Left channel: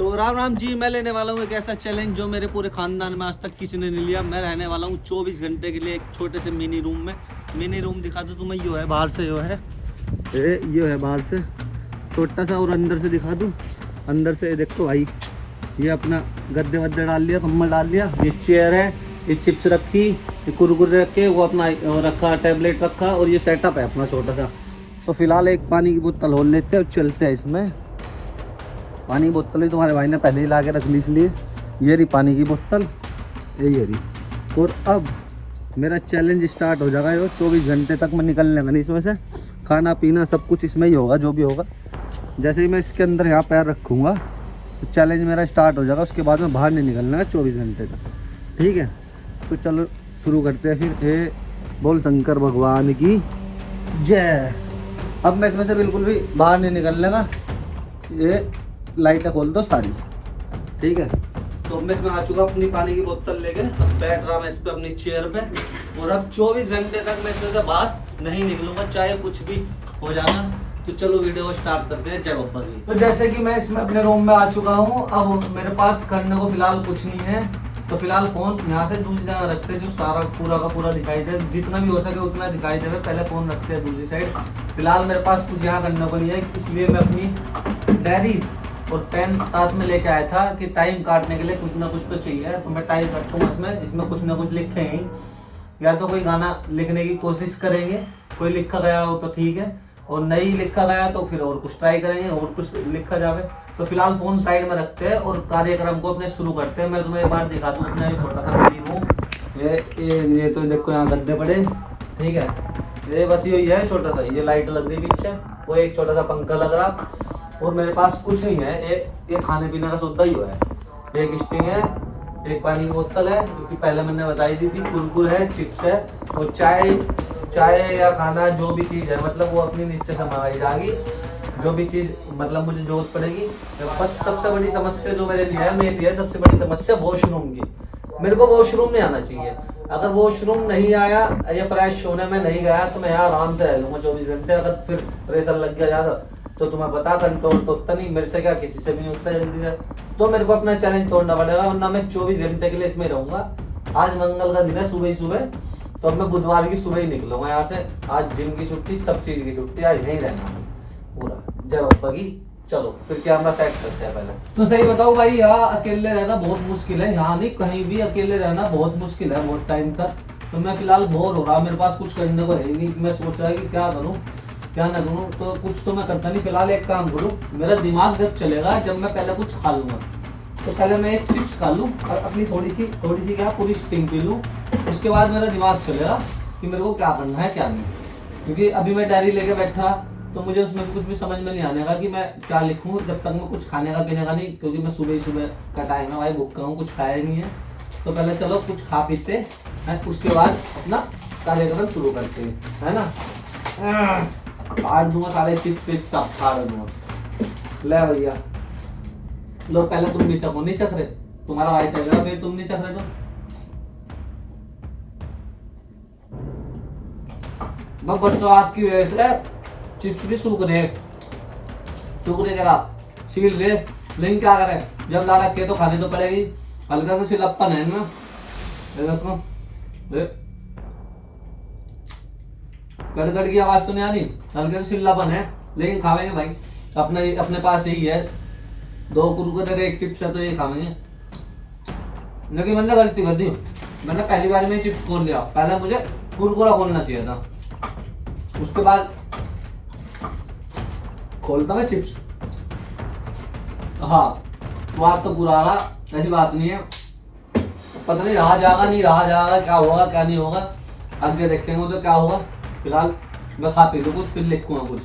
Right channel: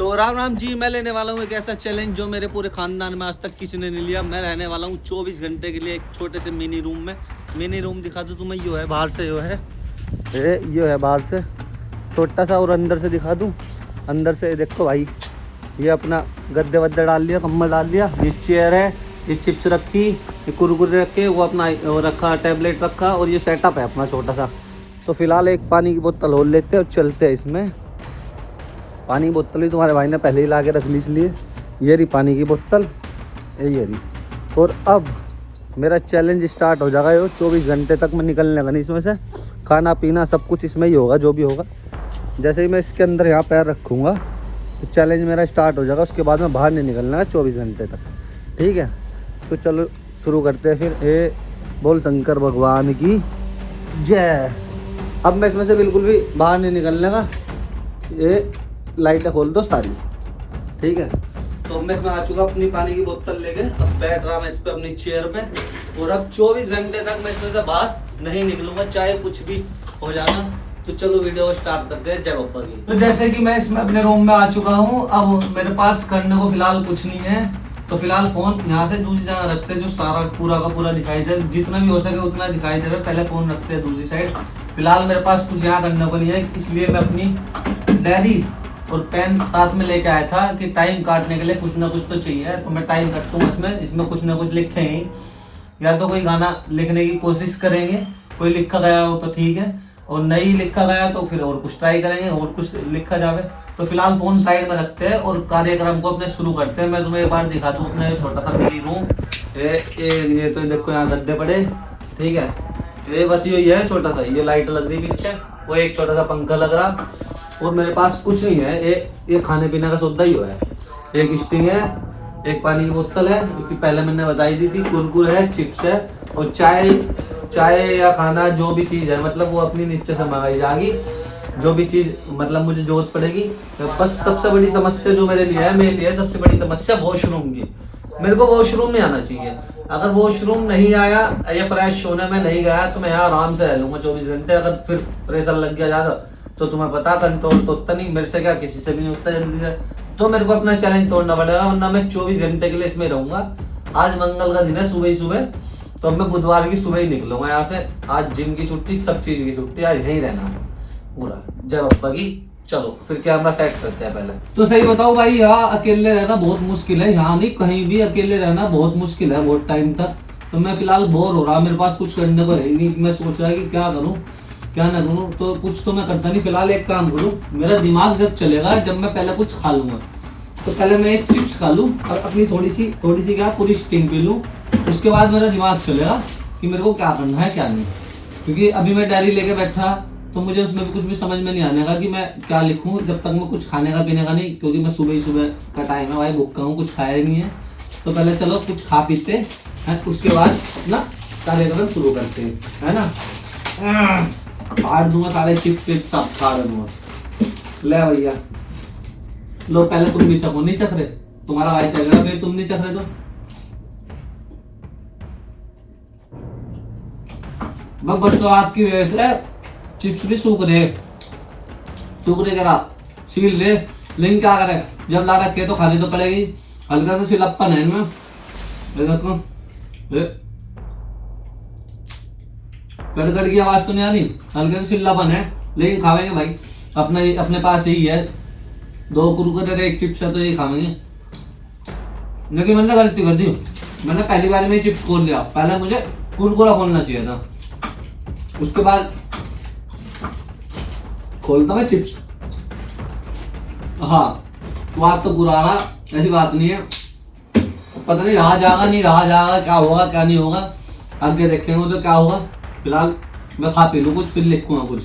तो राम राम जी, मैं लेने वाला हूँ एक ऐसा चैलेंज जो मेरे पूरे खानदान में आज तक किसी ने नहीं लिया। मैं रहने वाला हूँ 24 घंटे के लिए एक छोटे से मिनी रूम में। मिनी रूम दिखा दूँ तुम्हें, यो है बाहर से, यो है बाहर से छोटा सा, और अंदर से दिखा दूँ। अंदर से देखो भाई, ये अपना गद्दे वद्दे डाल लिया, कम्बल डाल लिया, ये चेयर है, ये चिप्स रखी, ये कुरकुरे रखे, वो अपना रखा, टैबलेट रखा, और ये सेटअप है अपना छोटा सा। तो फिलहाल एक पानी की बोतल और लेते हैं और चलते हैं। इसमें पानी की बोतल ही तुम्हारे भाई ने पहले ही ला के रख ली, इसलिए ये रही पानी की बोतल, ये रही। और अब मेरा चैलेंज स्टार्ट हो जाएगा। ये 24 घंटे तक मैं निकलने का नहीं इसमें से। खाना पीना सब कुछ इसमें ही होगा, जो भी होगा। जैसे ही मैं इसके अंदर यहाँ पैर रखूँगा तो चैलेंज मेरा स्टार्ट हो जाएगा। उसके बाद में बाहर नहीं निकलना है 24 घंटे तक, ठीक है। तो चलो शुरू करते हैं फिर। ए बोल शंकर भगवान की जय। अब मैं इसमें से बिल्कुल भी बाहर नहीं निकलने का। ये लाइटें खोल दो सारी, ठीक है। तो अब मैं इसमें आ चुका अपनी पानी की बोतल लेके। अब बैठ रहा मैं इस पे अपनी चेयर पे, और अब 24 घंटे तक मैं इसमें से बाहर नहीं निकलूंगा, चाहे कुछ भी हो जाना। तो चलो वीडियो स्टार्ट करते हैं। जय बप्पा की। तो जैसे कि मैं इसमें अपने रूम में आ चुका हूँ। अब मेरे पास करने को फिलहाल कुछ नहीं है, तो फिलहाल फोन यहाँ से दूसरी जगह रखते हैं, जो सारा पूरा का पूरा दिखाई दे, जितना भी हो सके उतना दिखाई दे। पहले फोन रखते हैं दूसरी साइड। फिलहाल मेरे पास कुछ यहाँ करने को नहीं है, इसलिए मैं अपनी डायरी और पेन साथ में लेके आया था कि टाइम काटने के लिए कुछ ना कुछ तो चाहिए। तो मैं टाइम काटूंगा इसमें कुछ ना कुछ लिखे हैं। या तो कोई गाना लिखने की कोशिश करेंगे, कोई लिखा गया हो तो ठीक है, और नहीं लिखा गया तो फिर और कुछ ट्राई करेंगे, और कुछ लिखा जावे। तो फिलहाल फोन साइड में रखते हैं और कार्यक्रम को अपने शुरू करते हैं। मैं तुम्हें एक बार दिखा दूं अपना छोटा सा मिनी रूम। ये तो देखो यहाँ गद्दे पड़े, ठीक है। ये बस यही है छोटा सा, ये लाइट लग रही पीछे, वो एक छोटा सा पंखा लग रहा, और मेरे पास कुछ नहीं है। ये खाने पीने का सौदा ही है। एक स्टिंग है, एक पानी की बोतल है, क्योंकि पहले मैंने बताई दी थी, कुरकुरे है, चिप्स है, और चाय या खाना जो भी चीज़ है, मतलब वो अपनी नीचे से मंगाई जाएगी, जो भी चीज़ मतलब मुझे जरूरत पड़ेगी। बस सबसे बड़ी समस्या जो मेरे लिए है सबसे बड़ी समस्या वॉशरूम की। मेरे को वॉशरूम में आना चाहिए। अगर वॉशरूम नहीं आया या फ्रेश होने में नहीं गया तो मैं यहाँ आराम से रह लूँगा 24 घंटे। अगर फिर प्रेशर लग गया ज़्यादा तो तुम्हें पता, कंट्रोल तो उतना नहीं मेरे से, क्या किसी से भी नहीं उतना जल्दी से। तो मेरे को अपना चैलेंज तोड़ना पड़ेगा, वरना मैं 24 घंटे के लिए इसमें रहूँगा। आज मंगल का दिन है, सुबह ही सुबह, तो अब मैं बुधवार की सुबह ही निकलूंगा यहाँ से। आज जिम की छुट्टी, सब चीज़ की छुट्टी, आज यहीं रहना है पूरा। जय बप्पा की। चलो फिर कैमरा सेट करते हैं पहले। तो सही बताओ भाई, यहाँ अकेले रहना बहुत मुश्किल है। यहाँ नहीं, कहीं भी अकेले रहना बहुत मुश्किल है बहुत टाइम तक। तो मैं फिलहाल बोर हो रहा, मेरे पास कुछ करने को है नहीं। मैं सोच रहा कि क्या करूँ क्या ना करूँ, तो कुछ तो मैं करता नहीं। फिलहाल एक काम करूँ, मेरा दिमाग जब चलेगा, जब मैं पहले कुछ खा लूँगा, तो पहले मैं एक चिप्स खा लूँ और अपनी थोड़ी सी क्या पूरी स्टिंग पी लूँ। उसके बाद मेरा दिमाग चलेगा कि मेरे को क्या करना है क्या नहीं। क्योंकि अभी मैं डायरी लेके बैठा तो मुझे उसमें भी कुछ भी समझ में नहीं आने का कि मैं क्या लिखूं, जब तक मैं कुछ खाने का पीने का नहीं। क्योंकि मैं सुबह ही सुबह का टाइम है भाई, भूखा हूँ, कुछ खाया ही नहीं है। तो पहले चलो कुछ खा पीते हैं, उसके बाद ना कार्यक्रम शुरू करते हैं, है ना। फाड़ दूंगा साले चिप्स, सब फाड़ दूंगा। ले भैया लो, पहले तुम भी चखो। नहीं चख रहे, तुम्हारा भाई चलेगा, फिर तुम नहीं चख रहे तो बरसात की वजह से चिप्स भी सूख रहे करा सील ले। लेकिन क्या करें, जब ला रखे तो खानी तो पड़ेगी। हल्का सा सिलप्पन है इनमें, कड़कड़ की आवाज तो नहीं आ रही, हल्के से सिल्लापन है, लेकिन खावेंगे भाई। अपने पास यही है, 2 कुरकुरे एक चिप्स है, तो यही खावेंगे। लेकिन मैंने गलती कर दी, मैंने पहली बार में चिप्स खोल लिया। पहले मुझे कुरकुरा खोलना चाहिए था, उसके बाद खोलता मैं चिप्स। हाँ, स्वाद तो पूरा आ रहा, ऐसी बात नहीं है। पता नहीं रहा जाएगा क्या होगा क्या नहीं होगा, आगे देखेंगे तो क्या होगा। फिलहाल मैं खा पी लूँ कुछ, फिर लिखूंगा कुछ।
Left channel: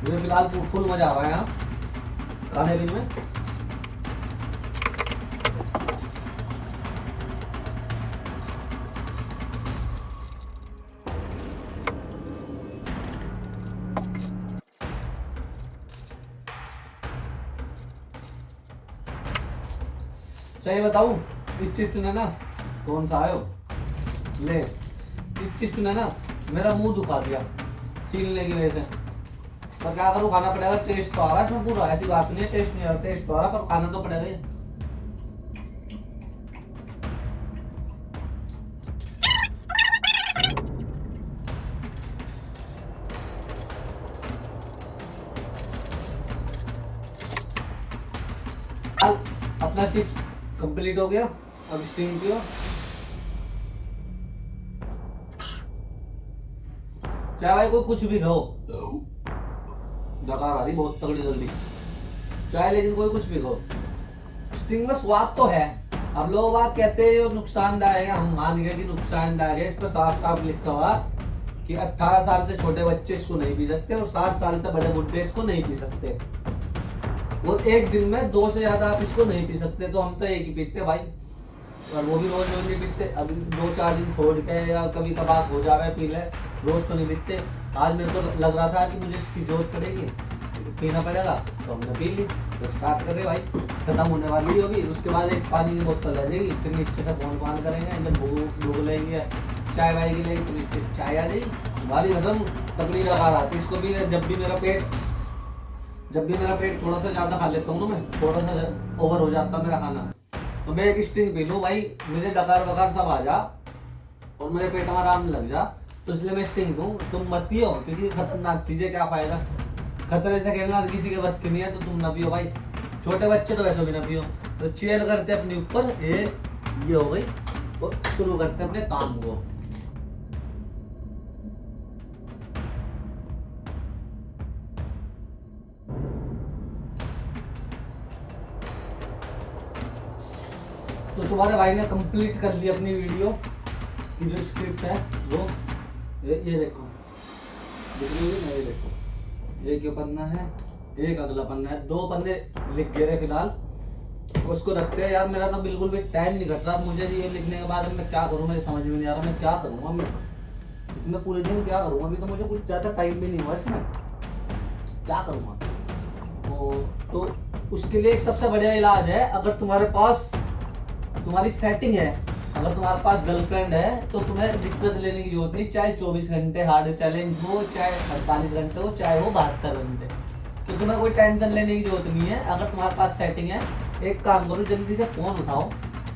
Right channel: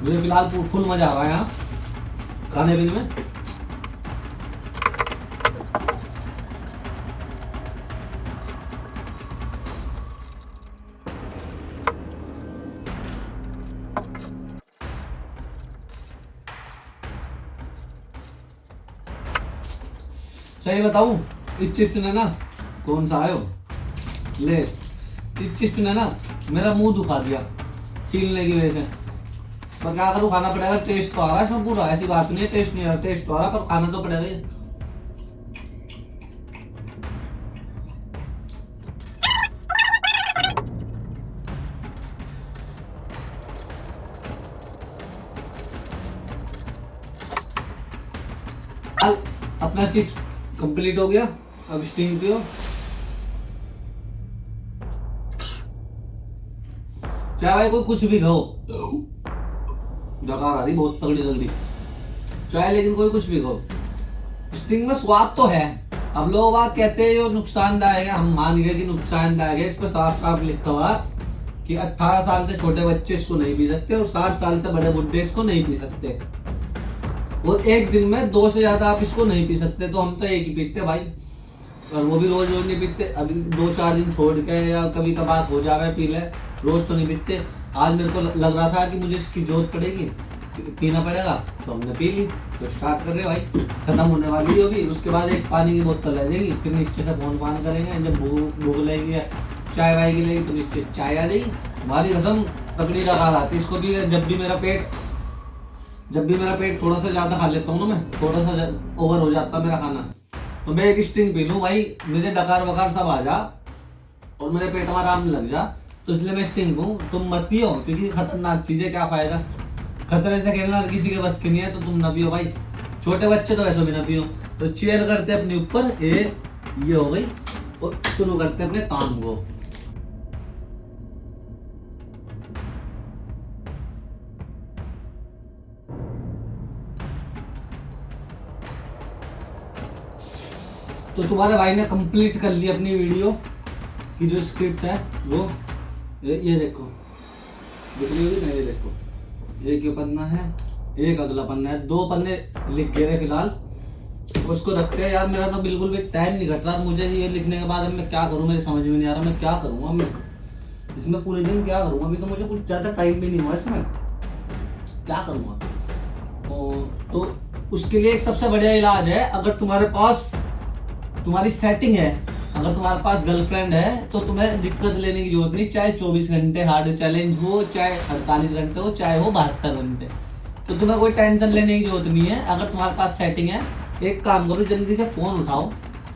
मुझे फिलहाल फुल मजा आ रहा है यहाँ खाने पीने में। सही बताऊं, इस चिप्स ने ना, कौन सा आयो ले, इस चिप्स ने ना मेरा मुंह दुखा दिया। सीलने की वजह से। तो क्या करूँ, खाना पड़ेगा। टेस्ट तो आ रहा है इसमें पूरा, ऐसी बात नहीं है टेस्ट नहीं आ रहा, टेस्ट तो आ रहा पर खाना तो पड़ेगा ही। अपना चिप्स कंप्लीट हो गया, अब स्टिंग पियो। चाहे भाई कोई कुछ भी खाओ, डकार आ रही बहुत तगड़ी तगड़ी चाहे, लेकिन कोई कुछ भी खाओ, स्टिंग में स्वाद तो है। अब लोग बात कहते हैं ये नुकसानदायक है, हम मान गए कि नुकसानदायक है। इस पर साफ साफ लिखा हुआ कि 18 साल से छोटे बच्चे इसको नहीं पी सकते और 60 साल से बड़े बुड्ढे इसको नहीं पी सकते, और एक दिन में 2 से ज्यादा आप इसको नहीं पी सकते। तो हम तो एक ही पीते भाई, और वो भी रोज रोज नहीं पीते, अभी 2-4 दिन छोड़ के या कभी कभार हो जावे पी ले, रोज तो नहीं पीते। आज मेरे को लग रहा था कि मुझे इसकी जरूरत पड़ेगी, पीना पड़ेगा, तो हमने पी ली। तो स्टार्ट कर रहे भाई, खत्म होने वाली होगी, उसके बाद एक पानी की बोतल रह जाएगी, फिर नीचे से फोन पान करेंगे। जब भूख लगेगी चाय वाय के लिए तो नीचे चाय आ जाएगी। हमारी कसम तकड़ी लगा आती है इसको भी। जब भी मेरा पेट थोड़ा सा ज्यादा खा लेता हूँ ना, मैं थोड़ा सा ओवर हो जाता मेरा खाना, तो मैं एक स्टिंग पी लूँ भाई, मुझे डकार वकार सब आ जा और मेरे पेट में आराम लग जा, तो इसलिए मैं स्टिंग लूँ। तुम मत पियो, क्योंकि खतरनाक चीज है, क्या फायदा, खतरे से खेलना किसी के बस की नहीं है, तो तुम ना पियो भाई। छोटे बच्चे तो वैसे भी ना पियो। तो चेयर करते अपने ऊपर, ये हो गई, और शुरू करते अपने काम को। तो तुम्हारे भाई ने कंप्लीट कर ली अपनी वीडियो की जो स्क्रिप्ट है वो, ये देखो, ये देखो, एक ये पन्ना है, एक अगला पन्ना है, 2 पन्ने लिख गए फिलहाल। उसको रखते हैं। यार मेरा तो बिल्कुल भी टाइम नहीं घट रहा मुझे ये लिखने के बाद। अब मैं क्या करूँ, मेरी समझ में नहीं आ रहा मैं क्या करूँगा, मैं इसमें पूरे दिन क्या करूँगा। अभी तो मुझे कुछ ज़्यादा टाइम भी नहीं हुआ इसमें, क्या करूँगा। तो उसके लिए एक सबसे बढ़िया इलाज है, अगर तुम्हारे पास तुम्हारी सेटिंग है, अगर तुम्हारे पास गर्लफ्रेंड है, तो तुम्हें दिक्कत लेने की जरूरत नहीं। चाहे 24 घंटे हार्ड चैलेंज हो, चाहे 48 घंटे हो, चाहे हो 72 घंटे, तो तुम्हें कोई टेंशन लेने की जरूरत नहीं है। अगर तुम्हारे पास सेटिंग है, एक काम करो, जल्दी से फोन उठाओ,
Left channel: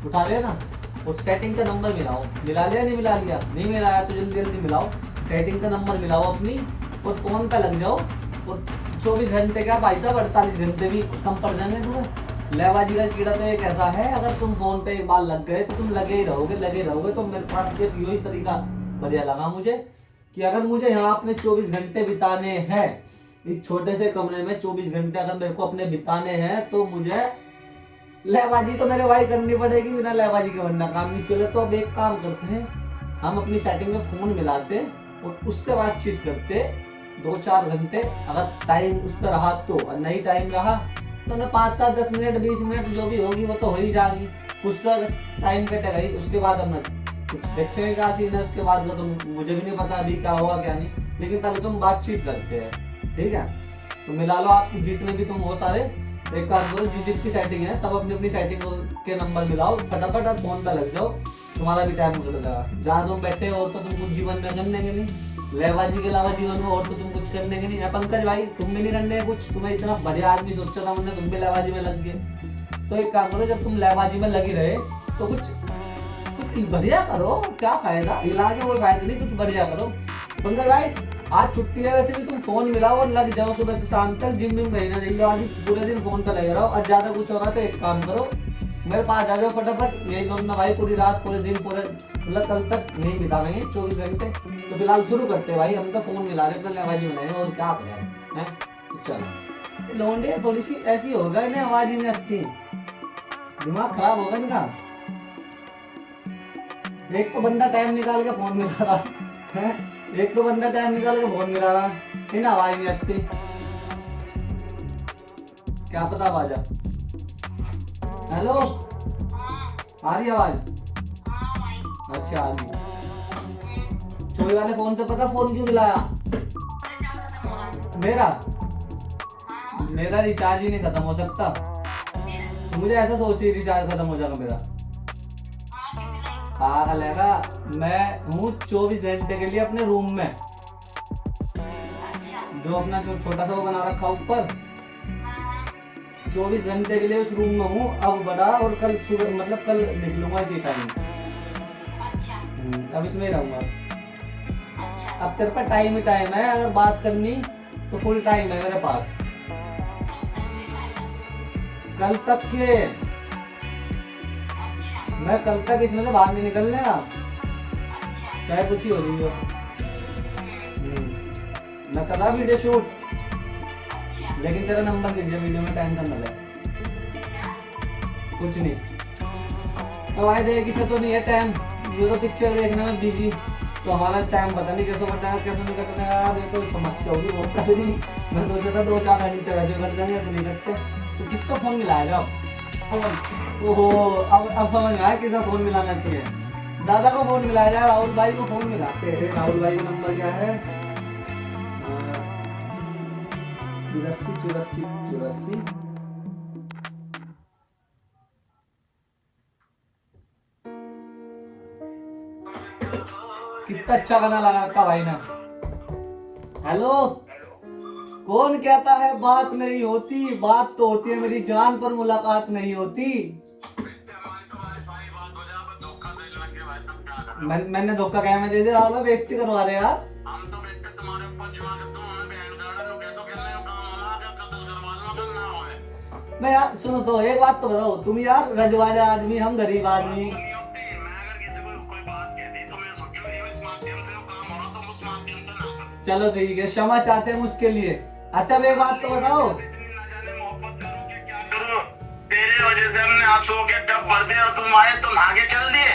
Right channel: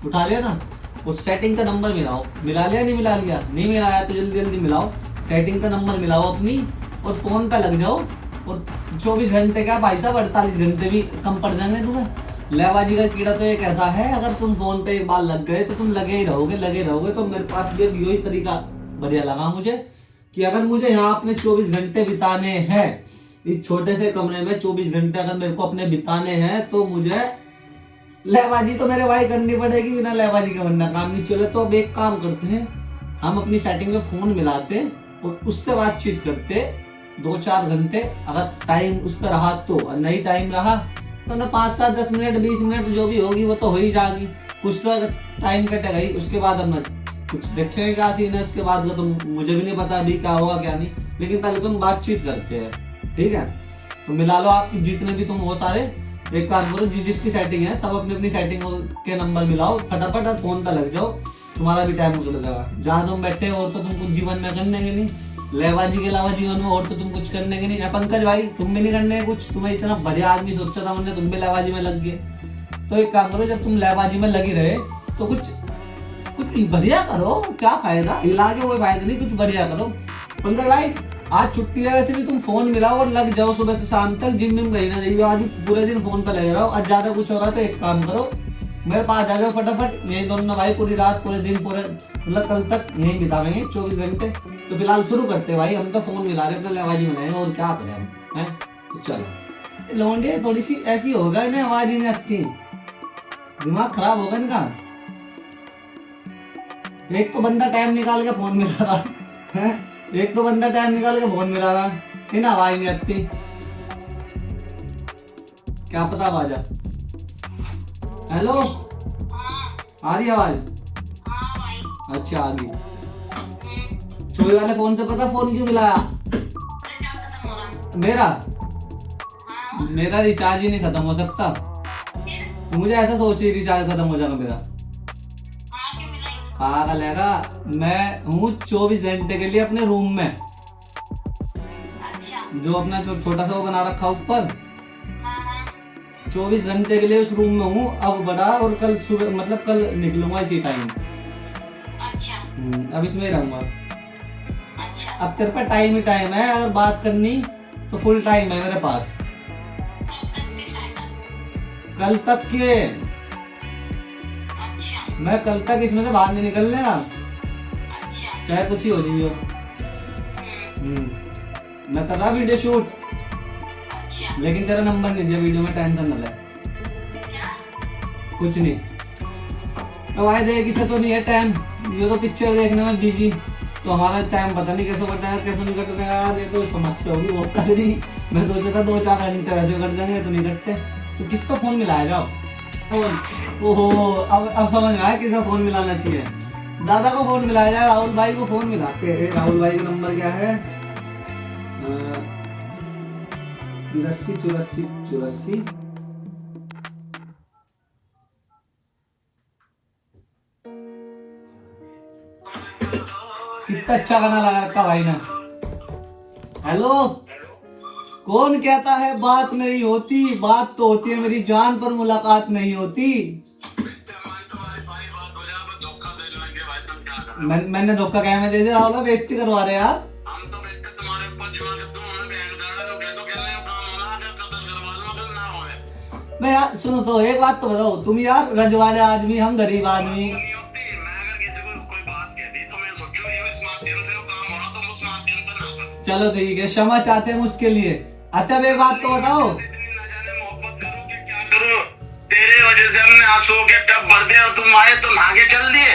उठा लिया ना, उस सेटिंग का नंबर मिलाओ, मिला लिया नहीं मिला लिया, नहीं मिलाया तो जल्दी जल्दी मिलाओ, सेटिंग का नंबर मिलाओ अपनी, और फोन पे लग जाओ। और 24 घंटे क्या भाई साहब, 48 घंटे भी कम पड़ जाएंगे तुम्हें। लेबाजी का कीड़ा तो एक ऐसा है, अगर तुम फोन पे एक बार लग गए तो तुम लगे ही रहोगे। तो मेरे पास भी यही तरीका बढ़िया लगा मुझे, कि अगर मुझे यहाँ अपने 24 घंटे बिताने हैं, इस छोटे से कमरे में 24 घंटे अगर मेरे को अपने बिताने हैं, तो मुझे लेबाजी तो मेरे भाई करनी पड़ेगी, बिना लेबाजी के वरना काम नहीं चले। तो अब एक काम करते हैं, हम अपनी सेटिंग में फोन मिलाते और उससे बातचीत करते 2-4 घंटे। अगर टाइम उस पर रहा तो, और नहीं टाइम रहा तो ना 5-7-10 मिनट 20 मिनट जो भी होगी वो तो हो ही जाएगी, कुछ तो टाइम कटेगा ही। उसके बाद अब मैं कुछ देखेंगे क्या सीन है, उसके बाद का तो मुझे भी नहीं पता अभी क्या होगा क्या नहीं, लेकिन पहले तुम बातचीत करते हैं, ठीक है। तो मिला लो आप जितने भी तुम हो सारे, एक काम करो, जिसकी सेटिंग है सब अपनी अपनी सेटिंग के नंबर मिलाओ फटाफट, और फोन पर लग जाओ, तुम्हारा भी टाइम निकल जाएगा। जहाँ तुम बैठे और तो तुम कुछ जीवन में करने के नहीं, लेबाजी के अलावा जीवन में और तो तुम कुछ करने के नहीं है। पंकज भाई तुम भी नहीं करने के कुछ, तुम्हें इतना बढ़िया आदमी सोचा था मैंने, तुम भी लेबाजी में लग गए। तो एक काम करो, जब तुम लेबाजी में लगी रहे तो कुछ बढ़िया करो, क्या फायदा, इलाज कोई फायदा नहीं, कुछ बढ़िया करो। पंकज भाई आज छुट्टी है, वैसे भी तुम फोन मिलाओ और लग जाओ सुबह से शाम तक, जिम में गई ना जाइए, आज पूरे दिन फोन पर लगे रहो। आज ज्यादा कुछ हो रहा है तो एक काम करो, मेरे पास आ जाओ फटाफट, यही दोनों भाई पूरी रात पूरे दिन पूरे मतलब कल तक यही बितावेंगे 24 घंटे। तो फिलहाल शुरू करते भाई, हम तो फोन मिला रहे अपना लेबाजी में और क्या करें हैं। चलो लौंडे थोड़ी सी ऐसी होगा, इन्हें आवाज ही नहीं आती, दिमाग खराब होगा इनका। एक तो बंदा टाइम निकाल के फोन मिला रहा है, एक तो बंदा टाइम निकाल के फोन मिला रहा है, इन्हें आवाज नहीं आती, क्या पता बाजा। हेलो आ रही आवाज? अच्छा आ गई। छोटे वाले फोन से पता फोन क्यों मिलाया? मेरा रिचार्ज ही नहीं खत्म हो सकता, मुझे ऐसा सोच ही रिचार्ज खत्म हो जाएगा मेरा। पागल है, मैं हूँ 24 घंटे के लिए अपने रूम में, जो अपना जो छोटा सा वो बना रखा ऊपर, 24 घंटे के लिए उस रूम में हूँ अब बड़ा, और कल सुबह मतलब कल निकलूंगा इसी टाइम। अब इसमें रहूंगा। अब तेरे पे टाइम ही टाइम है, अगर बात करनी तो फुल टाइम है मेरे पास। कल तक के मैं कल तक इसमें से बाहर नहीं निकलने का, चाहे कुछ ही हो रही हो। मैं कर रहा वीडियो शूट, लेकिन तेरा नंबर नहीं दिया वीडियो में, टेंशन न ले। कुछ नहीं, अब आए देख इसे तो नहीं है टाइम, ये तो पिक्चर देखने में बिजी, तो हमारा टाइम पता नहीं कैसे कटना है कैसे नहीं कटना है। ये तो समस्या होगी बहुत सारी। मैं सोचा था 2-4 घंटे वैसे कट जाएंगे, तो नहीं कटते। तो किसका फोन मिलाएगा? ओहो, अब समझ आया किसका फोन मिलाना चाहिए। दादा को फोन मिलाया जाए, राहुल भाई को फोन मिलाते हैं। राहुल भाई का नंबर क्या है? 84 कितना अच्छा गाना लगा रखा भाई ने। हेलो, कौन कहता है बात नहीं होती? बात तो होती है मेरी जान, पर मुलाकात नहीं होती। मैंने धोखा क्या में दे दिया? राहुल बेइज्जती करवा रहे यार। मैं यार सुनो तो, एक बात तो बताओ, तुम यार रजवाड़े आदमी, हम गरीब आदमी। चलो ठीक है, क्षमा चाहते हैं उसके लिए। अच्छा एक बात तो बताओ, तेरे वजह से हमने आंसुओं के टब भर दिए और तुम आए तो भागे चल दिए।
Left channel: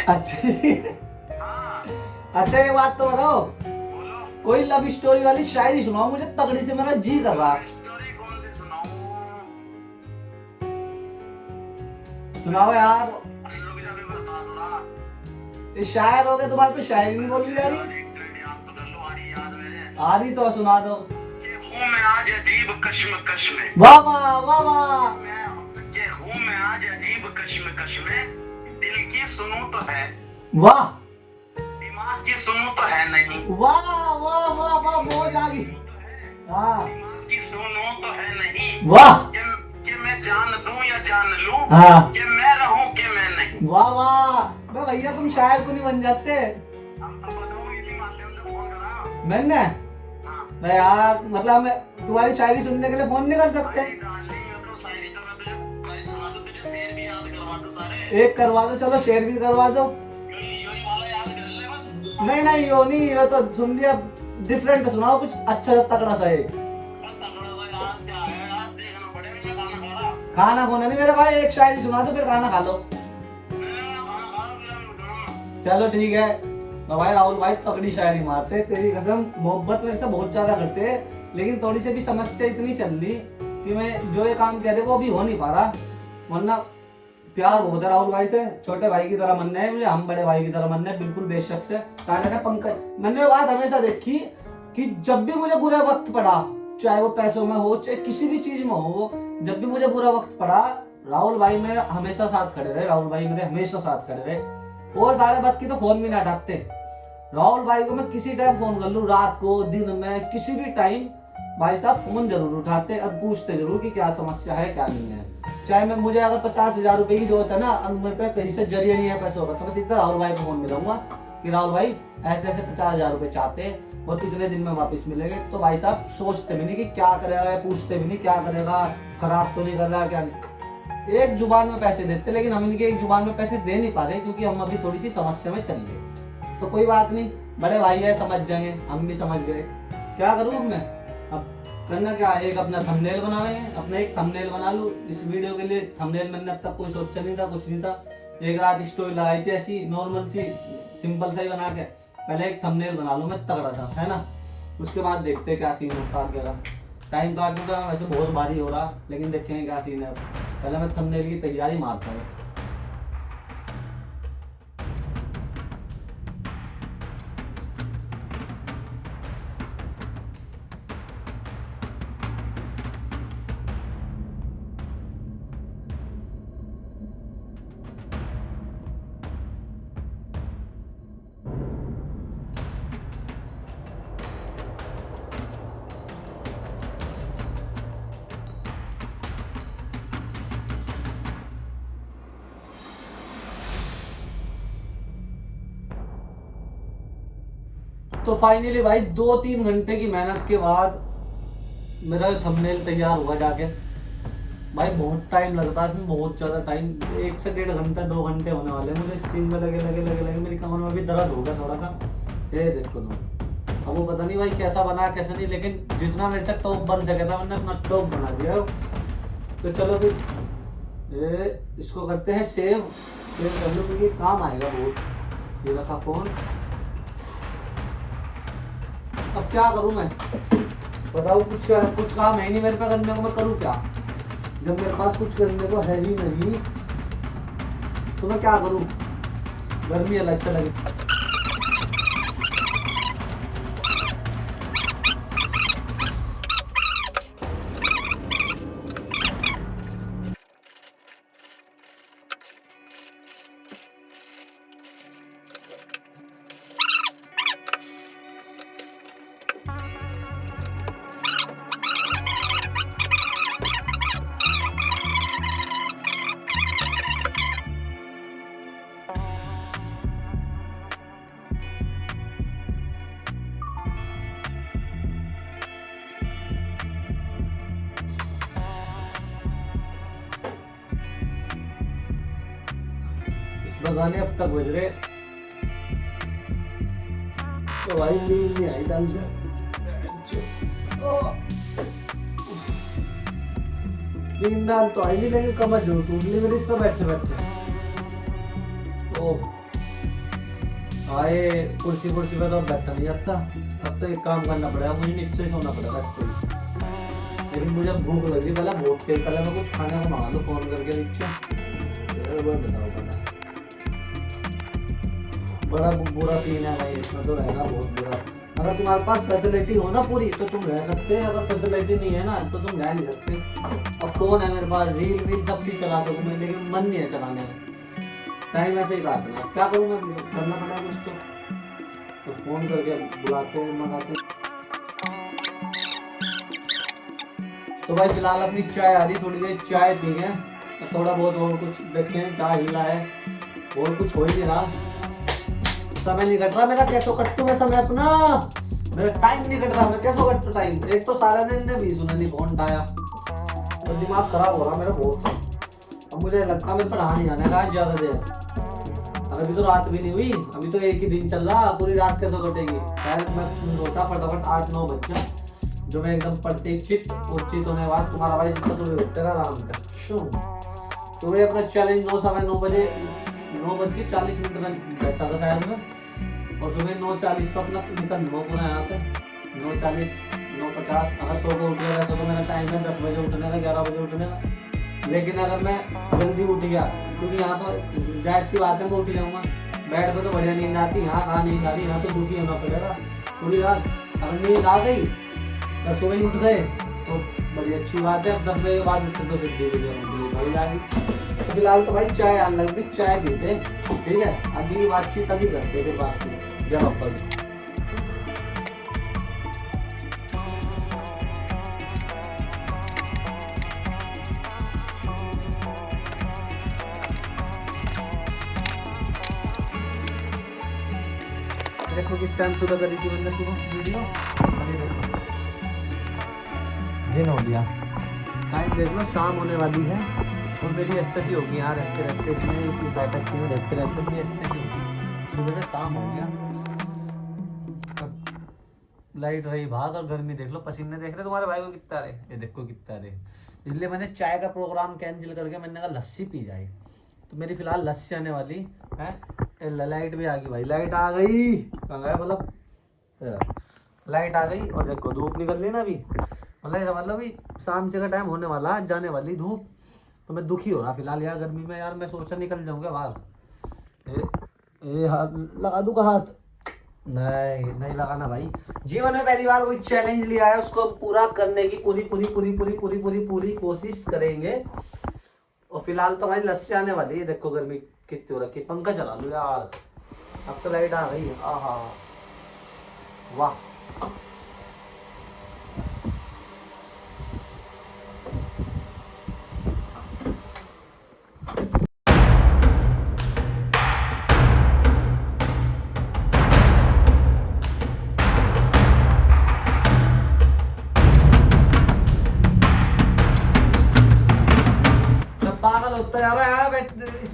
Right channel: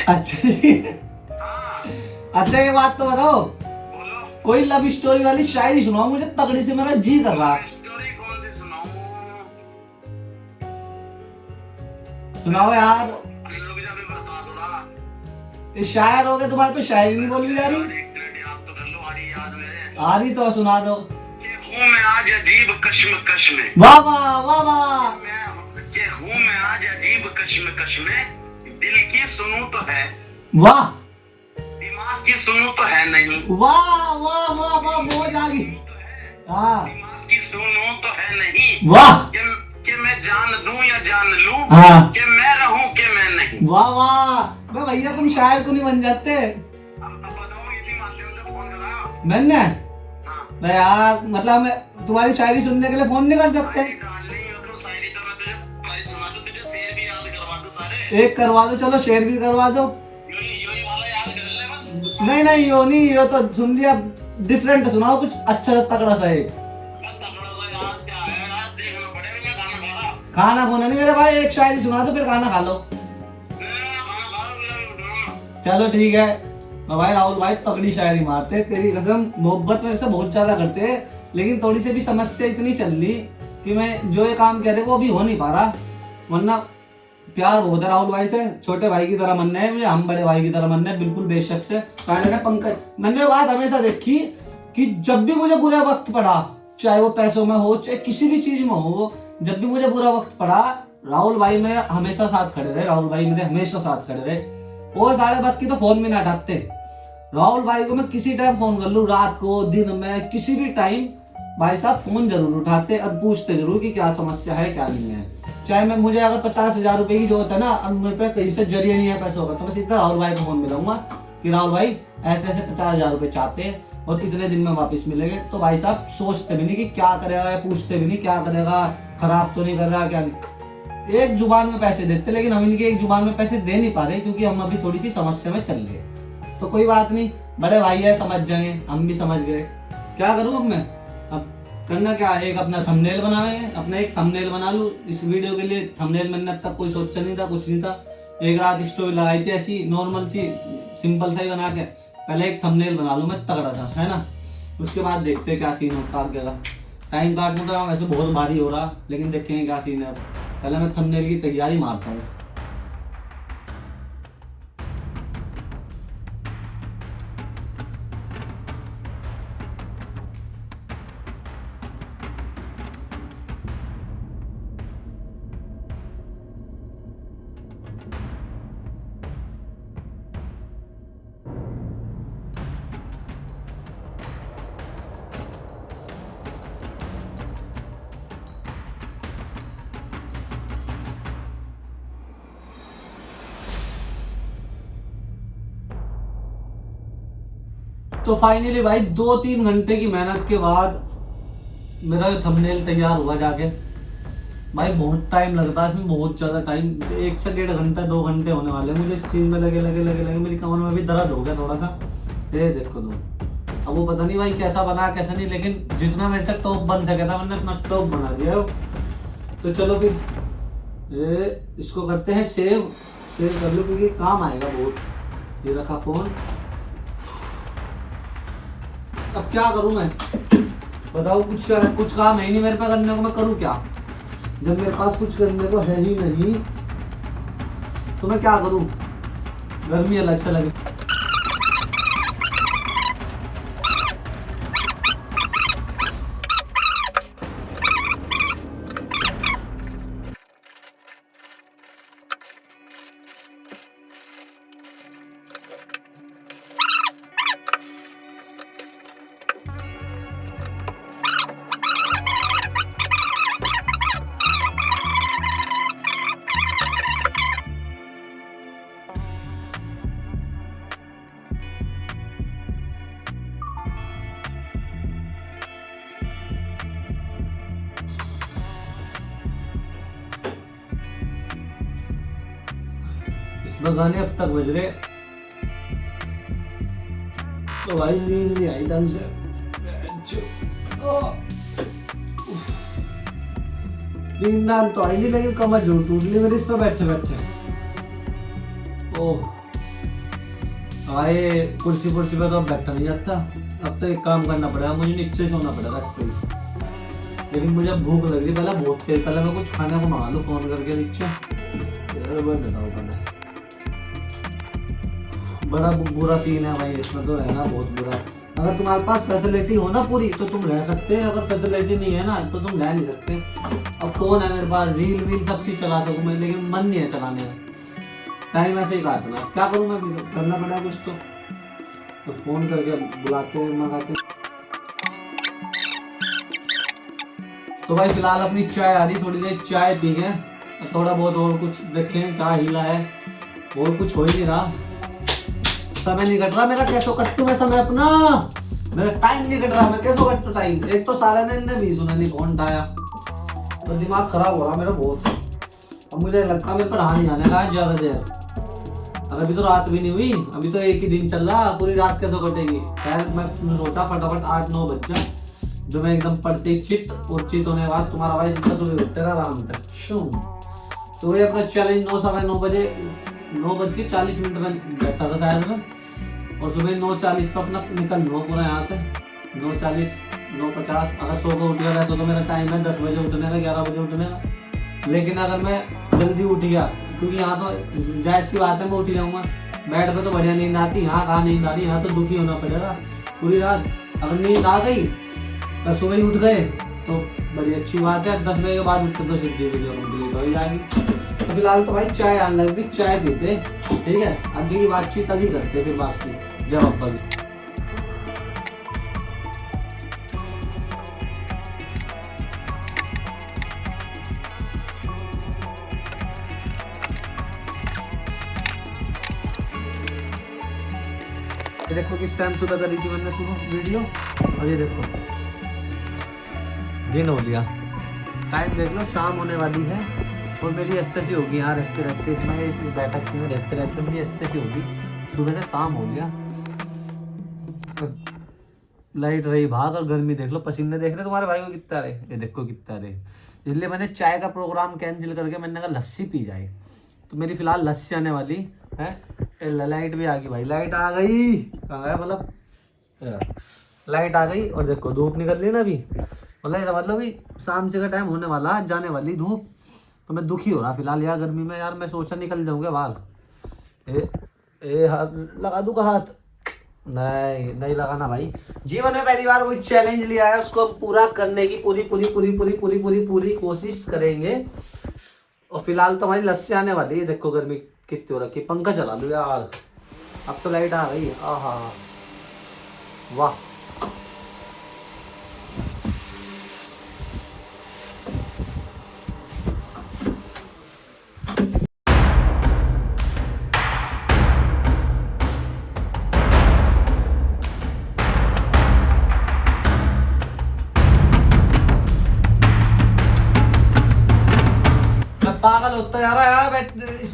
अच्छा ये बात तो बताओ, कोई लव स्टोरी वाली शायरी सुनाओ मुझे, तगड़ी से मेरा जी कर रहा। स्टोरी कौन सी सुनाऊं? सुनाओ यार। ये शायर हो गए, तुम्हारे पे शायरी नहीं बोली जा रही? आ रही तो सुना दो। हूँ मैं आज अजीब कश्मकश में। वाह वाह वाह वाह। हूँ मैं आज अजीब कश्मकश में, दिल की सुनूं तो है, वाह, दिमाग की सुनूं तो है नहीं। वाह वाह वाह वाह, मौज आ गई। हाँ, दिमाग की सुनूं तो है नहीं। वाह, कि मैं जान दूं या जान लूं, हाँ, कि मैं रहूं कि मैं नहीं। वाह वाह। भैया तुम शायर तो नहीं बन जाते? मैंने मैं यार मतलब मैं तुम्हारी शायरी सुनने के लिए फोन नहीं कर सकते? एक करवा दो, चलो शेर भी करवा दो। नहीं नहीं, यो नहीं, यो तो सुन लिया। डिफरेंट सुनाओ कुछ अच्छा सा तगड़ा सा है। खाना खोना नहीं मेरे भाई, एक शायरी सुना दो फिर खाना खा लो। चलो ठीक है। भाई राहुल भाई तगड़ी शायरी मारते, तेरी कसम मोहब्बत मेरे से बहुत ज्यादा करते, लेकिन थोड़ी सी भी समस्या इतनी चल रही कि मैं जो ये काम कह रहे वो अभी हो नहीं पा रहा। वरना प्यार बहुत है राहुल भाई से, छोटे भाई की तरह मानना है मुझे, हम बड़े भाई की तरह मानना है बिल्कुल बेशक से। पंकज, मैंने ये बात हमेशा देखी कि जब भी मुझे बुरा वक्त पड़ा, चाहे वो पैसों में हो चाहे किसी भी चीज में हो, जब भी मुझे बुरा वक्त पड़ा राहुल भाई मेरे हमेशा साथ खड़े रहे। राहुल भाई मेरे हमेशा साथ खड़े रहे। और साढ़े वक्त की तो फोन भी नहीं हटाते। राहुल भाई को मैं किसी टाइम फोन कर लूं, रात को दिन में किसी भी टाइम, भाई साहब फोन जरूर उठाते और पूछते जरूर कि क्या समस्या है क्या नहीं है। चाहे मैं मुझे अगर 50,000 रुपए की जरूरत है ना, और मेरे पे कहीं से जरिए नहीं है पैसों का, तो मैं सीधा राहुल भाई को फोन मिलाऊंगा कि राहुल भाई ऐसे ऐसे 50,000 रुपए चाहते हैं और कितने दिन में वापस मिलेंगे। तो भाई साहब सोचते भी नहीं कि क्या करेगा, पूछते भी नहीं क्या करेगा, खराब तो नहीं कर रहा क्या नहीं। एक जुबान में पैसे देते, लेकिन हम इनकी एक जुबान में पैसे दे नहीं पा रहे क्योंकि हम अभी थोड़ी सी समस्या में चल रहे। तो कोई बात नहीं, बड़े भाई है समझ जाएंगे, हम भी समझ गए। क्या करूँ मैं अब? करना क्या, एक अपना थंबनेल बनाए, अपना एक थंबनेल बना लूँ इस वीडियो के लिए। थंबनेल मैंने अब तक कोई सोचा नहीं था, कुछ नहीं था। एक रात स्टोरी लगाई थी ऐसी नॉर्मल सी, सिंपल सा ही बना के। पहले एक थंबनेल बना लूँ मैं तगड़ा सा, है ना, उसके बाद देखते हैं क्या सीन होता आगे का। टाइम काटने का वैसे बहुत भारी हो रहा, लेकिन देखेंगे क्या सीन है। पहले मैं थंबनेल की तैयारी मारता हूँ। तो फाइनली भाई 2-3 घंटे की मेहनत के बाद मेरा थंबनेल तैयार हुआ जाके। भाई बहुत टाइम लगता है इसमें, बहुत ज़्यादा टाइम, 1 से 1.5 घंटा 2 घंटे होने वाले हैं मुझे इस चीज़ में लगे मेरी कमर में भी दर्द हो गया थोड़ा सा। ये देखो तुम, अब वो पता नहीं भाई कैसा बना कैसा नहीं, लेकिन जितना मेरे से टॉप बन सके था मैंने अपना टॉप बना दिया। तो चलो फिर इसको करते हैं सेव कर लो क्योंकि काम आएगा बहुत। ये रखा फोन, अब क्या करूं मैं बताओ, कुछ काम है नहीं मेरे पास करने को, मैं करूं क्या जब मेरे पास कुछ करने को है ही नहीं, तो मैं क्या करूं, गर्मी अलग से लगे। गाने अब तक बज रहे तो भाई नींद नहीं आई ढंग से। नींद तो आई नहीं, लेकिन कमर जरूर टूट गई मेरी इस पर बैठे बैठे। ओह आए कुर्सी पे तो बैठा नहीं जाता, अब तो एक काम करना पड़ेगा, मुझे नीचे सोना पड़ेगा इस पर। लेकिन मुझे भूख लगी, पहले बहुत तेज, पहले मैं कुछ खाने को मंगा लूं फोन करके नीचे। बड़ा बुरा सीन है भाई इसमें तो, रहना बहुत बुरा। अगर तुम्हारे पास फैसिलिटी हो ना पूरी तो तुम रह सकते हो, अगर फैसिलिटी नहीं है ना तो तुम रह नहीं सकते। अब फोन है मेरे पास, रील सब चीज चला सकूँ मैं, लेकिन मन नहीं है चलाने का, टाइम ऐसे ही काटना। क्या करूँ मैं, करना पड़ेगा कुछ तो फोन करके बुलाते मंगाते। तो भाई फिलहाल अपनी चाय आ रही, थोड़ी देर चाय पी के थोड़ा बहुत और कुछ देखें क्या हिला है, और कुछ हो ही नहीं रहा। समय नहीं कट रहा मेरा, कैसे कट्टू में समय अपना, मेरा टाइम नहीं कट रहा, मैं कैसे कट्टू टाइम। एक तो साले ने भी सुना नहीं फोन उठाया, तो दिमाग खराब हो रहा मेरा बहुत। और मुझे लगता है मेरे पर नहीं आने का ज्यादा देर। अभी तो रात भी नहीं हुई, अभी तो एक ही दिन चल रहा, पूरी रात कैसे कटेगी। यार मैं सोचा फटाफट 8-9 बज जाए, जो मैं एकदम पढ़ते ही चित होने के बाद तुम्हारा भाई जितना सुबह उठेगा आराम तक। सुबह अपना चैलेंज 9-9:15 बजे 9:40 में बैठा था शायद मैं, और सुबह 9:40 पर अपना निकल लूँगा पूरा यहाँ तक। 9:40 9:50 अगर 100 को उठ गया, वैसे तो मेरा टाइम है 10 बजे उठने का, 11 बजे उठने का। लेकिन अगर मैं जल्दी उठ गया, क्योंकि यहाँ तो जायज़ सी बात है मैं उठ जाऊँगा, बेड पे तो बढ़िया नींद आती, यहाँ कहाँ नींद आती, यहाँ तो दुखी होना पड़ेगा पूरी रात। अगर नींद आ गई और सुबह ही उठ गए तो बड़ी अच्छी बात है, 10 बजे के बाद उठ तो सिद्धि भाई जाएगी। फिलहाल तो भाई चाय आने लगी, चाय पीते, ठीक है, आगे की बातचीत अभी करते फिर बात की जब अब्बा की। देखो किस टाइम सुबह करी थी मैंने सुनो वीडियो, और ये देखो दिन हो गया, टाइम देख लो शाम होने वाली है। और मेरी अस्तेसी होगी यहाँ रहते इस बैठक से रहते मेरी अस्तेसी होगी, सुबह से शाम हो गया, लाइट रही भाग, और गर्मी देख लो, पसीने देख रहे तुम्हारे भाई को कितना रहे, ये देखो कितना रहे। इसलिए मैंने चाय का प्रोग्राम कैंसिल करके मैंने कहा लस्सी पी जाए, तो मेरी फिलहाल लस्सी आने वाली है। लाइट भी आ गई भाई, लाइट आ गई, कहाँ गया मतलब, लाइट आ गई। और देखो धूप निकल रही ना अभी, मतलब समझ लो भी शाम से का टाइम होने वाला, जाने वाली धूप। तो मैं दुखी हो रहा फिलहाल यार गर्मी में, यार मैं सोचा निकल जाऊंगा बाहर। हाथ लगा दूंगा, हाथ नहीं लगाना भाई। जीवन में पहली बार कोई चैलेंज लिया है, उसको पूरा करने की पूरी कोशिश करेंगे। और फिलहाल तो हमारी लस्सी आने वाली है, देखो गर्मी कितनी हो रखी, पंखा चला लो यार, अब तो लाइट आ गई, आहा वाह।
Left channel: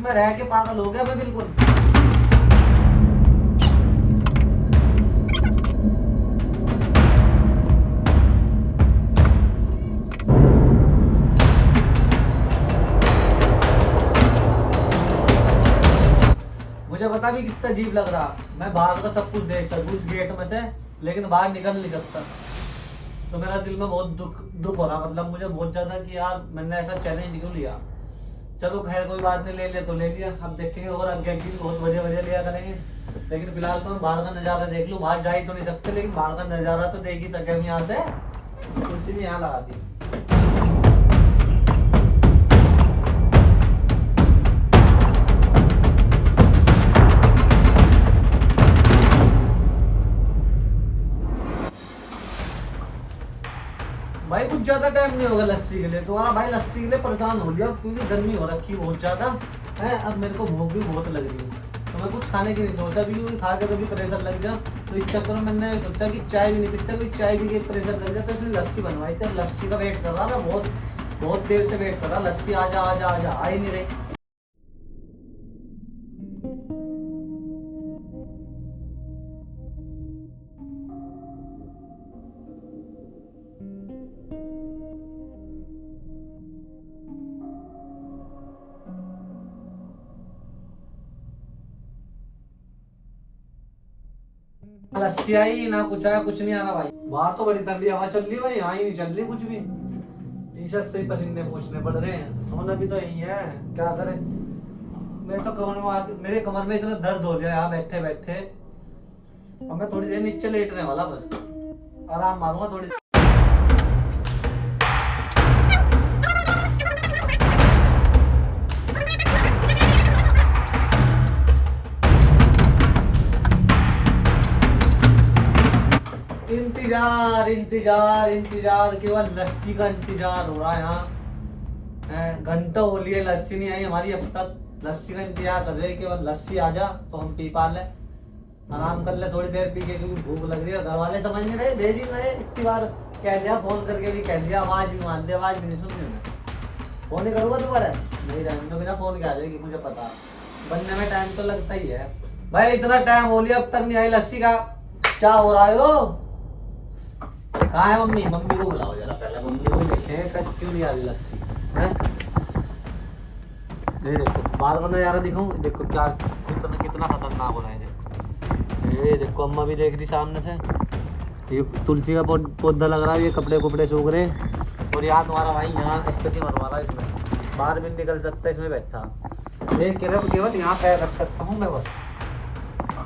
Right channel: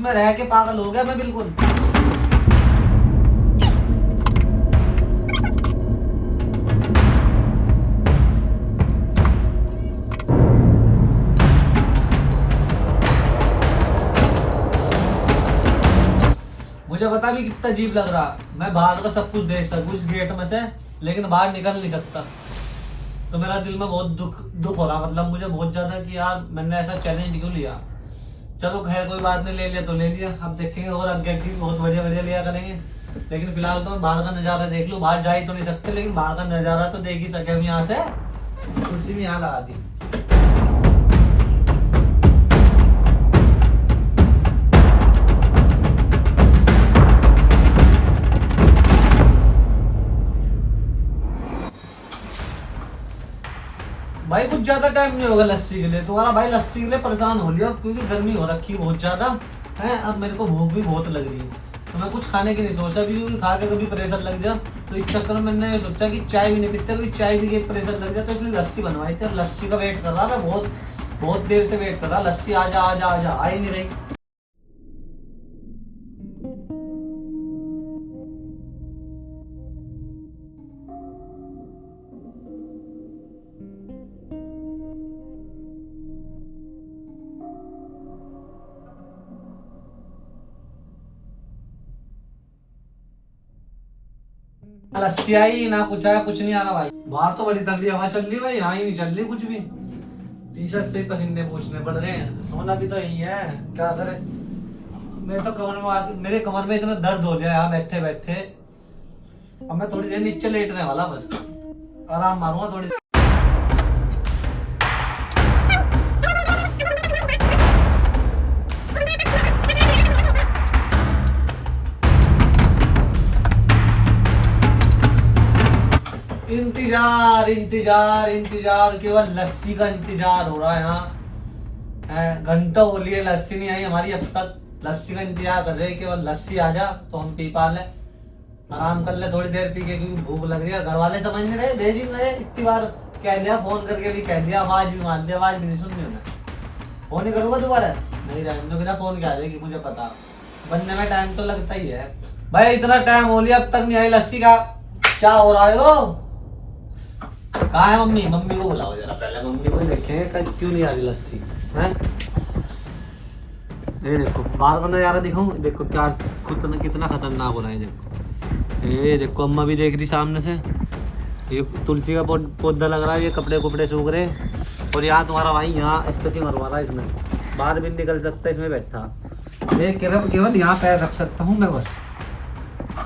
इसमें रह के पागल हो गया मैं बिल्कुल। मुझे पता भी कितना अजीब लग रहा, मैं बाहर का सब कुछ देख सकूं इस गेट में से, लेकिन बाहर निकल नहीं सकता। तो मेरा दिल में बहुत दुख हो रहा, मतलब मुझे बहुत ज्यादा कि यार मैंने ऐसा चैलेंज क्यों लिया। चलो खैर कोई बात नहीं, ले लिया तो ले लिया, अब देखेंगे और आगे की बहुत बढ़िया बढ़िया लिया करेंगे। लेकिन फिलहाल तो मैं बाहर का नजारा देख लूँ, बाहर जा ही तो नहीं सकते, लेकिन बाहर का नजारा तो देख ही सके हम यहाँ से। कुर्सी भी यहाँ लगा दी। भाई कुछ ज्यादा टाइम नहीं होगा लस्सी के लिए, तुम्हारा भाई लस्सी के लिए परेशान हो लिया क्योंकि गर्मी हो रखी है बहुत ज्यादा है। अब मेरे को भूख भी बहुत लग रही है, तो मैं कुछ खाने की नहीं सोचा भी, क्योंकि खा के कभी प्रेशर लग जाए। तो इस चक्कर में मैंने सोचा कि चाय भी नहीं पीते, क्योंकि चाय भी के प्रेशर लग जाए, तो इसलिए लस्सी बनवाई थी। लस्सी का वेट कर रहा मैं, बहुत देर से वेट कर रहा, लस्सी आजा आजा आजा, आ ही नहीं रही। लस्सी आई ना कुछ आया, कुछ नहीं आ रहा भाई। बाहर तो बड़ी तगड़ी हवा चल रही है, यहाँ ही नहीं चल रही कुछ भी। टी शर्ट से पसीने पूछने पड़ रहे हैं, सोना भी तो यही है, क्या करे। मैं तो कमर में आके, मेरे कमर में इतना दर्द हो गया यहाँ बैठे बैठे। अब मैं थोड़ी देर नीचे लेटने वाला, बस आराम मारूंगा थोड़ी। 'इंतजार केवल लस्सी का इंतजार हो रहा है यहाँ। घंटों हो लिए लस्सी नहीं आई हमारी अब तक। लस्सी का इंतजार कर रहे हैं, केवल लस्सी आ जा तो हम पी पा ले, आराम कर ले थोड़ी देर पी के, क्योंकि भूख लग रही है। घर वाले समझ नहीं रहे, भेज ही नहीं रहे। इतनी बार कह दिया, फोन करके भी कह दिया, आवाज भी मान दिया, आवाज भी नहीं सुन रही उन्हें। फोन ही करूँगा दोबारा, नहीं जाएंगे तो बिना फोन के आ जाएगी, मुझे पता। बनने में टाइम तो लगता ही है भाई। इतना टाइम हो लिया अब तक नहीं आई लस्सी का, क्या हो रहा है हो? कहाँ है मम्मी? मम्मी को बुलाओ जरा, पहले मम्मी को देखें क्यों नहीं आ रही लस्सी है। ये देखो बाहर का नजारा दिखाऊं, देखो क्या कितना खतरनाक हो रहा है। देखो ये देखो, अम्मा भी देख रही सामने से। ये तुलसी का पौधा लग रहा है, ये कपड़े कुपड़े सूख रहे हैं। और यहाँ तुम्हारा भाई यहाँ स्टेसी मरवा रहा है, इसमें बाहर भी निकल सकता है, इसमें बैठा। ये केवल यहाँ पैर रख सकता हूँ मैं, बस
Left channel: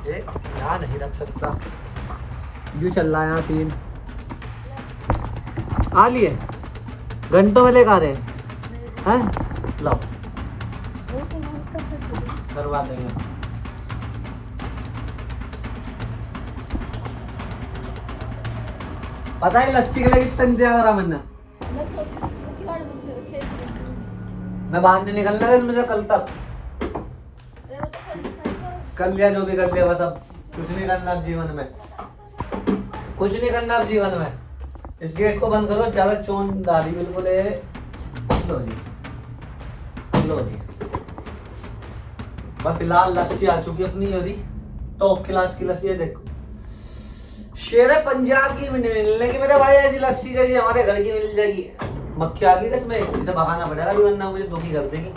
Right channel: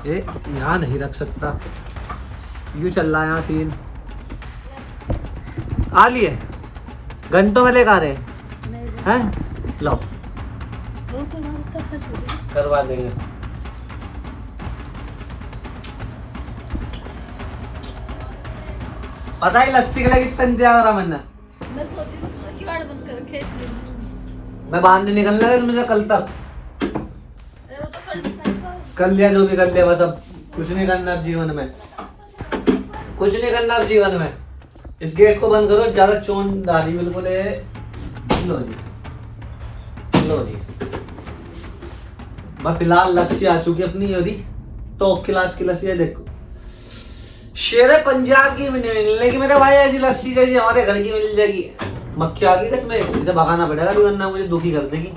ये यहाँ नहीं रख सकता। यूँ चल रहा है यहाँ सीन। आ लिए घंटों में लेकर आ रहे हैं, लो करवा देंगे। पता है लस्सी के लिए कितना इंतजार करा मैंने। मैं बाहर नहीं निकलने लगा इसमें से कल तक। कर लिया जो भी कर लिया, बस अब कुछ नहीं करना अब जीवन में, कुछ नहीं करना अब जीवन में। इस गेट को बंद करो, ज्यादा चौंधारी बिल्कुल है। लो जी और फिलहाल लस्सी आ चुकी है अपनी, यदि टॉप क्लास की लस्सी है। देखो शेर पंजाब की मिलने की मेरे भाई, ऐसी लस्सी जैसी हमारे घर की मिल जाएगी। मक्खी आ गई इसमें, इसे भगाना पड़ेगा, वरना मुझे दुखी कर देगी।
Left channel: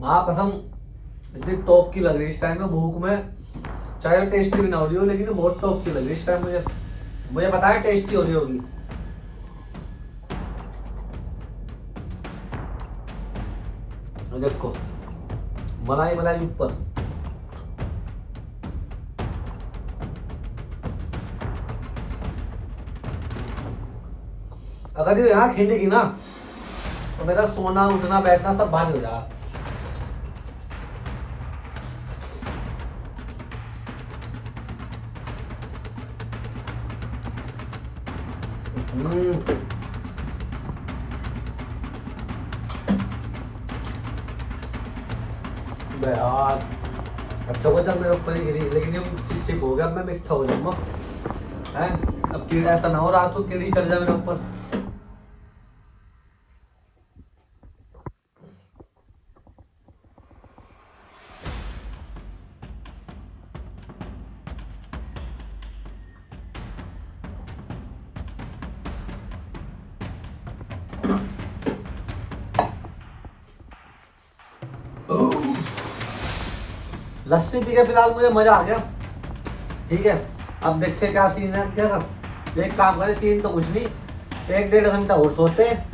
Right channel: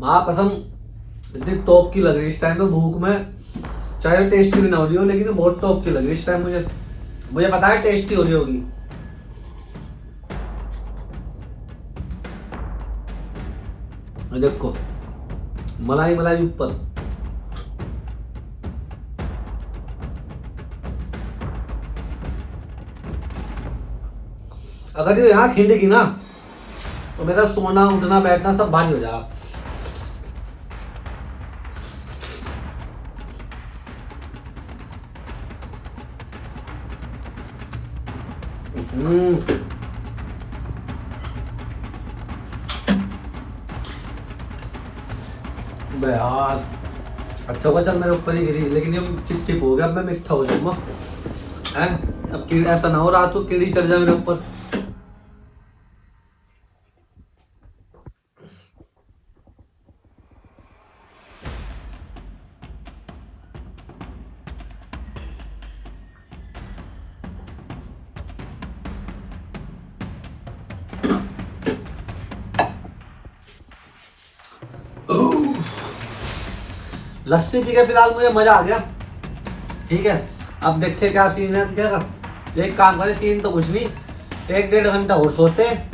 माँ कसम इतनी टॉप की लग रही है इस टाइम पे भूख में, चाहे टेस्टी भी ना हो रही हो, लेकिन बहुत टॉप की लग रही है इस टाइम। मुझे पता है टेस्टी हो रही होगी। देखो मलाई मलाई ऊपर, अगर ये यहाँ खिंडेगी ना तो मेरा सोना उठना बैठना सब भारी हो जाएगा। यार अच्छा हुआ चल मेरे ऊपर ही गिरी, लेकिन ये चिप हो गया, अब मैं मिठा हो जाऊंगा है। अब कीड़ा ऐसा ना हो रात को कीड़ी चढ़ जाए मेरे ऊपर। लस्सी पी के फिलहाल मुझे मजा आ गया। ठीक है, अब देखते क्या सीन है। क्या कर एक काम करे, सीन तो कुछ नहीं, 1-1.5 घंटा और सोते हैं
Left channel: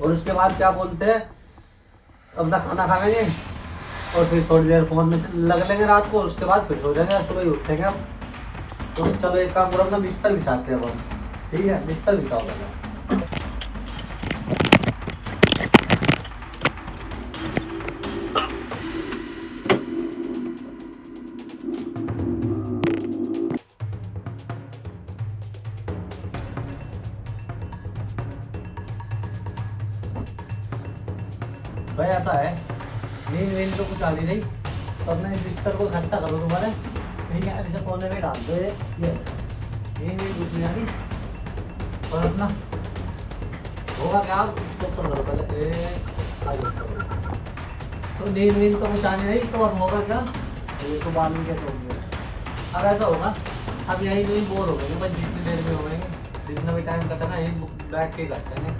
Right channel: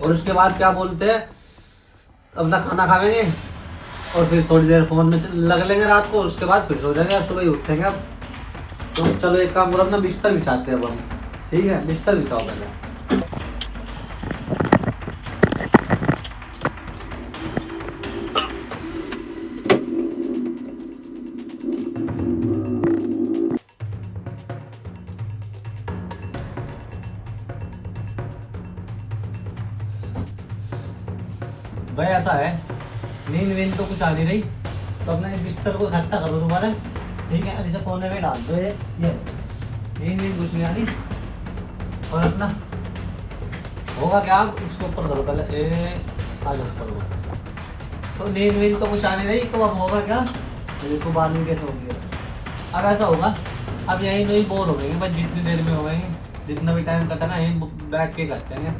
और उसके बाद क्या बोलते हैं अपना खाना खाएंगे और फिर थोड़ी देर फोन में लग लेंगे रात को। उसके बाद फिर सो जाएंगे, सुबह ही उठेंगे। अब तो चलो एक काम करो, अपना बिस्तर बिछाते हैं अब हम। ठीक है, बिस्तर बिछाओ पहले। भाई ऐसा है, नींद तो कुछ आ नहीं रही, तो अपने बिस्तर को इकट्ठा करो दोबारा। ठीक है, ऐसे कोने में डाल दो ये। नींद कुछ नहीं आ रही, और अपना होगा क्या, आप इसके ऊपर करो पहले। तो नींद तो कुछ आ नहीं रही, तो अब होगा क्या, तो बाद में कैसे होगी। अब ऐसा होगा, अब यहीं नहीं बोर हो गएंगे बस, जितनी देर में हो गएंगे, जितना भी टाइम कटा ना यहीं बैठ के करते हैं,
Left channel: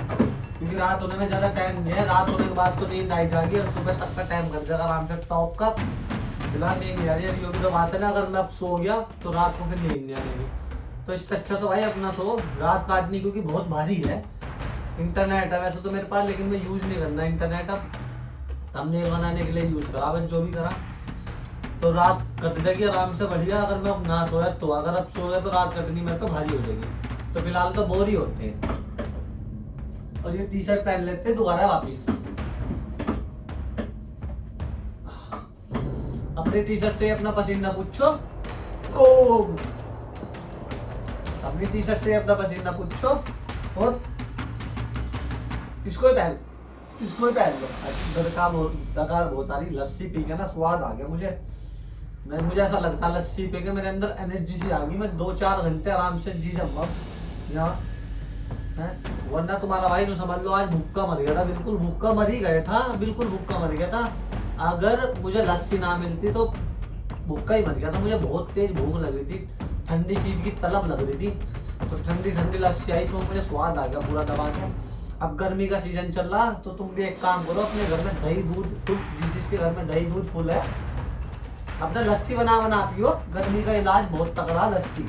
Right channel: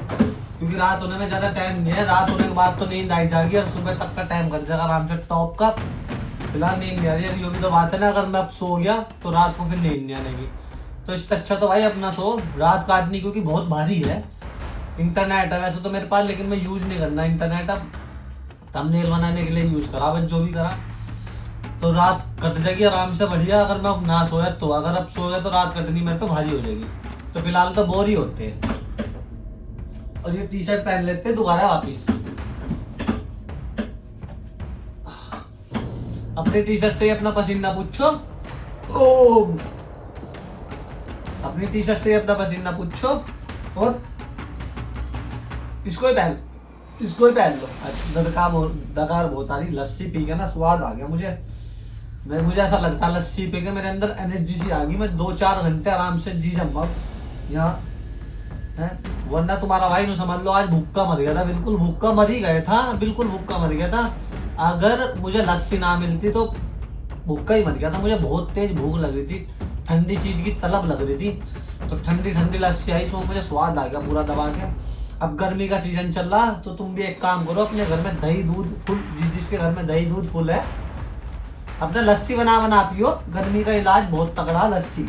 क्योंकि रात होने में ज़्यादा टाइम नहीं है। रात होने के बाद तो नींद आई जाएगी और सुबह तक का टाइम कर जाएगा आराम से टॉप का। फिलहाल नींद नहीं आ रही है, ये भी तो बात है ना, अगर मैं अब सो गया तो रात को फिर नींद नहीं आने की। तो इससे अच्छा तो भाई अपना सो, रात काटनी, क्योंकि बहुत भारी है। इंटरनेट है वैसे तो मेरे पास, लेकिन मैं यूज़ नहीं करना इंटरनेट। अब थंबनेल बनाने के लिए यूज़ करा, बस जो भी करा, तो रात कट जाएगी आराम से बढ़िया। अगर मैं अब ना सोया तो, अगर अब सो गया तो रात कटनी मेरे पे भारी हो जाएगी। तो फिलहाल तो बोर ही होते हैं। और ये टी शर्ट पहन लेते हैं दोबारा वापिस। अपनी टी शर्ट से अपना पसीना पूछो, अपनी टी शर्ट से अपना पसीना पूछो, और इसको ही पहन लो। दकार बहुत आ रही, लस्सी पी के ना स्वाद आ गया मुझे ऐसा लगता है लस्सी पी के मेरे अंदर एनर्जी सी आ गई। मैं 2-4 घंटे आराम से जी जाऊंगा यहाँ है। वरना तुम्हारा भाई, समझ लो आज भूखा मर गया था, बिल्कुल भूखा मर ही गया था, बिल्कुल भूखा मर गया था। अगर मुझे लस्सी ना मिलती तो भूखा ही मर गया था। मुझे बहुत तेज भूख लग रही थी, ठंडी चीज की तलब लग रही थी, तो ठंडी लस्सी आई, सो मुझे स्वाद आ गया पूरा दबा के। अब गर्मी का सीजन चल रहा, तो तुम भी एक काम करो, अपने घर में दही दूध फुल, जिसके घर में दही दूध फुल है, अपने लस्सी बना पियो। गर्मी का इलाज बहुत तगड़ा लस्सी।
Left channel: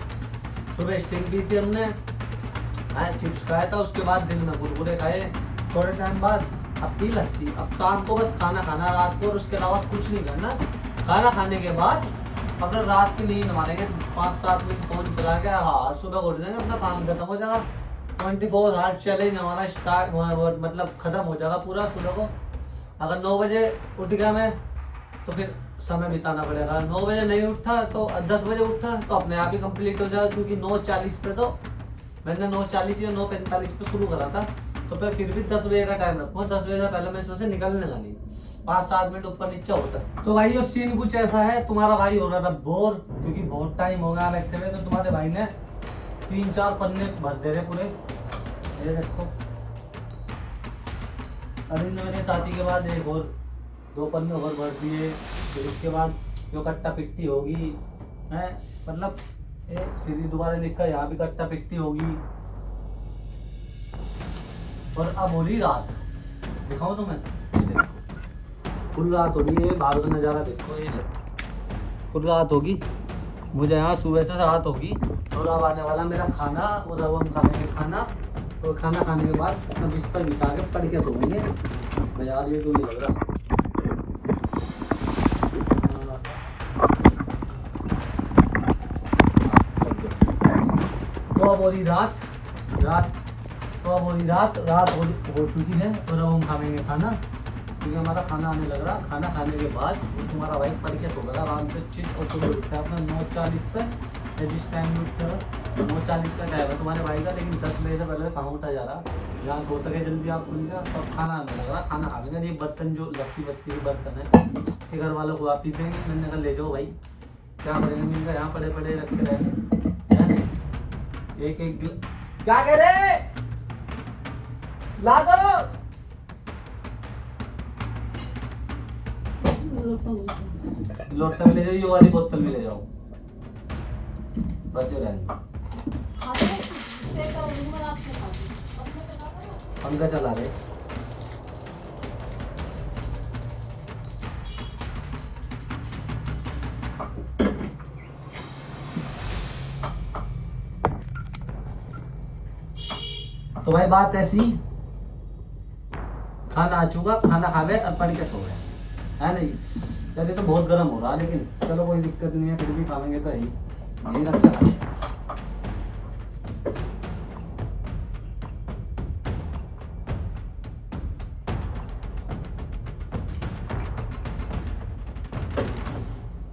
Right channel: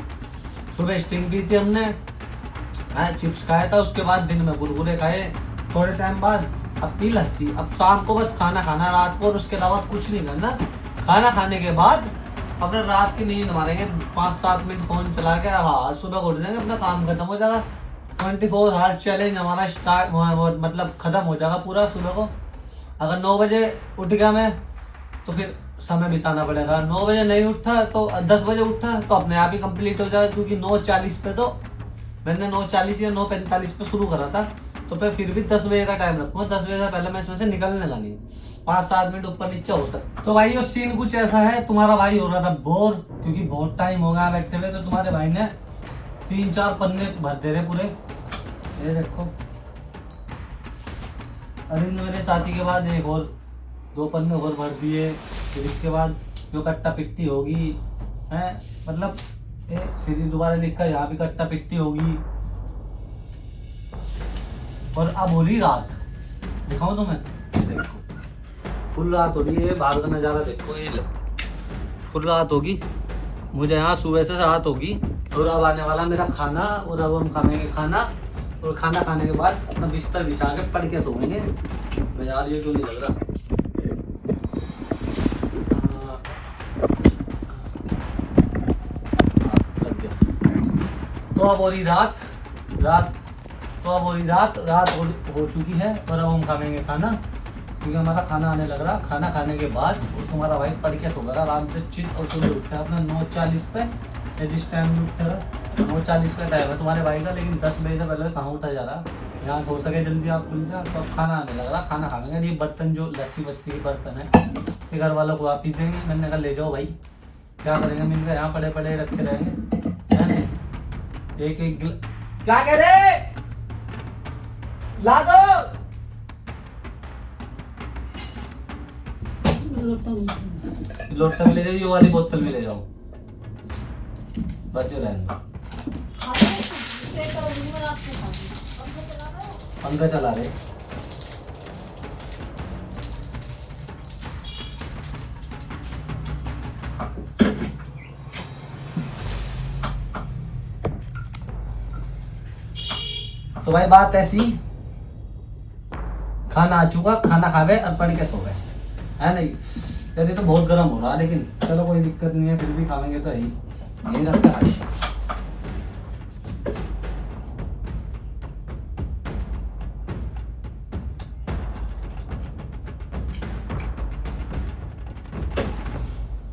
सुबह स्टिंग पी थी हमने, चिप्स खाया था, उसके बाद दिन में कुरकुरे खाए थोड़े टाइम बाद, अब पी लस्सी। अब शाम को बस खाना खाना रात को, और उसके अलावा कुछ नहीं करना। खाना खाने के बाद अपने रात की नींद मारेंगे 5-7 मिनट फोन चला के, हाँ सुबह उठ जाएंगे, अपना काम खत्म हो जाएगा। 24 आवर चैलेंज हमारा स्टार्ट, मतलब खत्म हो जाएगा पूरा सुबह को। अगर 9 बजे उठ गया मैं, तो फिर समय बिताना पड़ेगा। 9 बजे नहीं उठा तो 10 बजे उठा तो अपने आप ही कंप्लीट हो जाएगा, क्योंकि 9:40 पे तो मैंने 9:40 या 9:45 पे शुरू करा था, तो फिर भी 10 बजे का टाइम रखूँगा। 10 बजे से पहले मैं इसमें से निकलने का नहीं, 5-7 मिनट ऊपर नीचे हो सकता। तो भाई वो सीन कुछ ऐसा है, तुम्हारा भाई हो रहा था बोर, क्योंकि बहुत टाइम हो गया बैठते हुए। तो तुम्हारे भाई ने 3-4 पन्ने भर दे रहे पूरे, ये देखो। अरे मेरे साथी के बाद एक और 2 पन्ने और भर दिए, फिर इसके बाद जो कट्टा पिट्टी होगी है, मतलब फिर दोबारा लिखा यहाँ भी कट्टा पिट्टी होगी। और अब हो रही रात, दिखाऊं तुम्हें, देखो फुल रात हो रही है, बाहर का नज़ारा देखो, ये फुल रात होगी। मुझे यहाँ सुबह से रात होगी, और अब आने वाला मेरा खाना, और अब हम खाएंगे खाना, और खाना खाने के बाद अपना बिस्तर बिछा के पढ़ के सोएंगे। यार ये क्यों नहीं लग रहा, तो अब हो रही रात हो चुकी है, और अब हम खाएंगे खाना, क्योंकि हमारा खाना आने लग रहा। खाना खाने के बाद तुम्हारा भाई पढ़ के सो रहा आराम से चित, और सुबह उठा अपने 9:40 पे, जिस टाइम उठते 9:40 का टाइम है तुम्हारे भाई का, लेकिन 10 बजे से पहले कहाँ उठा जा रहा। यहाँ हो सके जल्दी आप खुल जा, तब खाना आने लग रहा, खाना खा लेंगे। ये बर्तन जो लस्सी वस्सी के बर्तन है ये घर वालों को वापिस देंगे। मैंने कहा ले जाओ भाई, क्या करेंगे, मिलकर यहाँ पड़े पड़े रखे रहेंगे, है नहीं। एक एक क्या कह रहे ला दो। लोटा भी ले जाओ, ये वाली बोतल भी ले जाओ, बस ये रहने दो। पंखा चला रहे। तो भाई बात ऐसी, खाना आ चुका, खाना खावे और पढ़ के सो गए, है नहीं। चलिए तो बहुत गर्म हो रहा, लेकिन चलो कोई दिक्कत नहीं है, फिर भी खावेंगे तो यही रखते खाएंगे।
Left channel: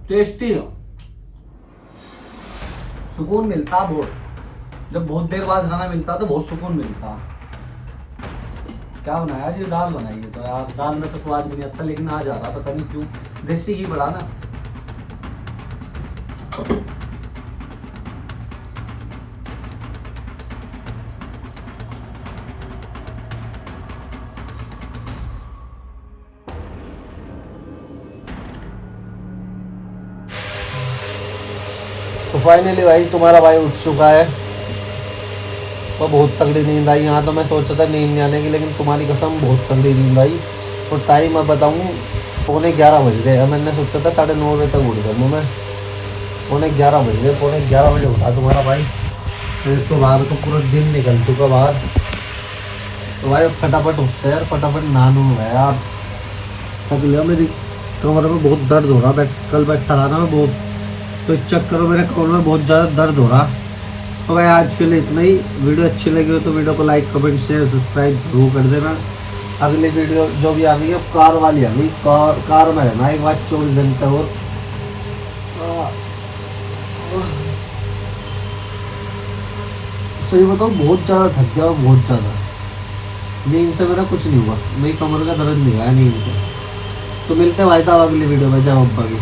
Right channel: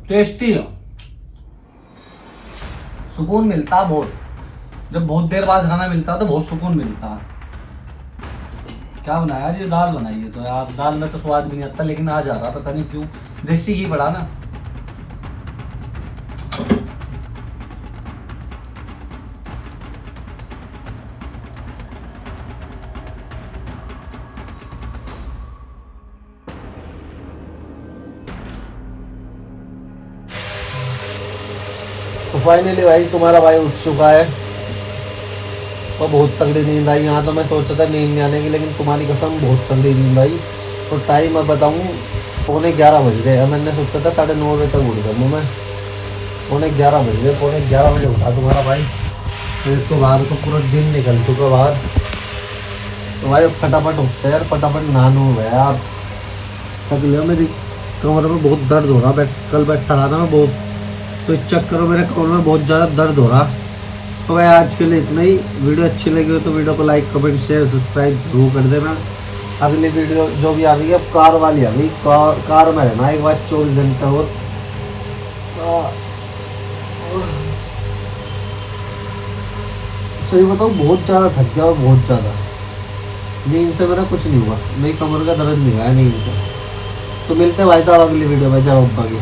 टेस्टी हो, सुकून मिलता बहुत। जब बहुत देर बाद खाना मिलता तो बहुत सुकून मिलता। क्या बनाया जी, दाल बनाई है, तो यार दाल में तो स्वाद भी नहीं आता, लेकिन आ जा रहा पता नहीं क्यों, देसी घी पड़ा ना। तो फाइनली भाई तुम्हारा भाई उठ चुका है, तो बहुत तगड़ी नींद आई। यहाँ तो मैं सोचा था नींद नहीं आने की, लेकिन तुम्हारी कसम बहुत तगड़ी नींद आई। और टाइम मैं बताऊँ 11:15 बज रहे हैं। मैंने सोचा था 9:30 बजे तक उठ जाऊँ मैं, 11:15 बज रहे, 11:15 बजे उठा तुम्हारा भाई। फिर तो बाहर तो पूरा दिन निकल चुका बाहर। तो भाई फटाफट उठते यार, फटाफट नहानू है यार, थक लिया। मेरी कमर में बहुत दर्द हो रहा, कल बैठा रहा ना मैं बहुत, तो इस चक्कर में मेरे कमर में बहुत ज़्यादा दर्द हो रहा। तो भाई आज के लिए इतना ही। वीडियो अच्छी लगी हो तो वीडियो को लाइक कमेंट शेयर सब्सक्राइब जरूर कर देना। अगली वीडियो जो भी आ गई है कार वाली आ गई, कार में रहना एक बार 24 घंटे। और सही बताऊँ बहुत ज़्यादा थक गया, बहुत ज़्यादा। नींद से मेरा कुछ नहीं हुआ, मेरी कमर का दर्द नहीं हुआ नींद से। तो मिलते हैं भाई साहब अगली वीडियो में, जय अब्बा की।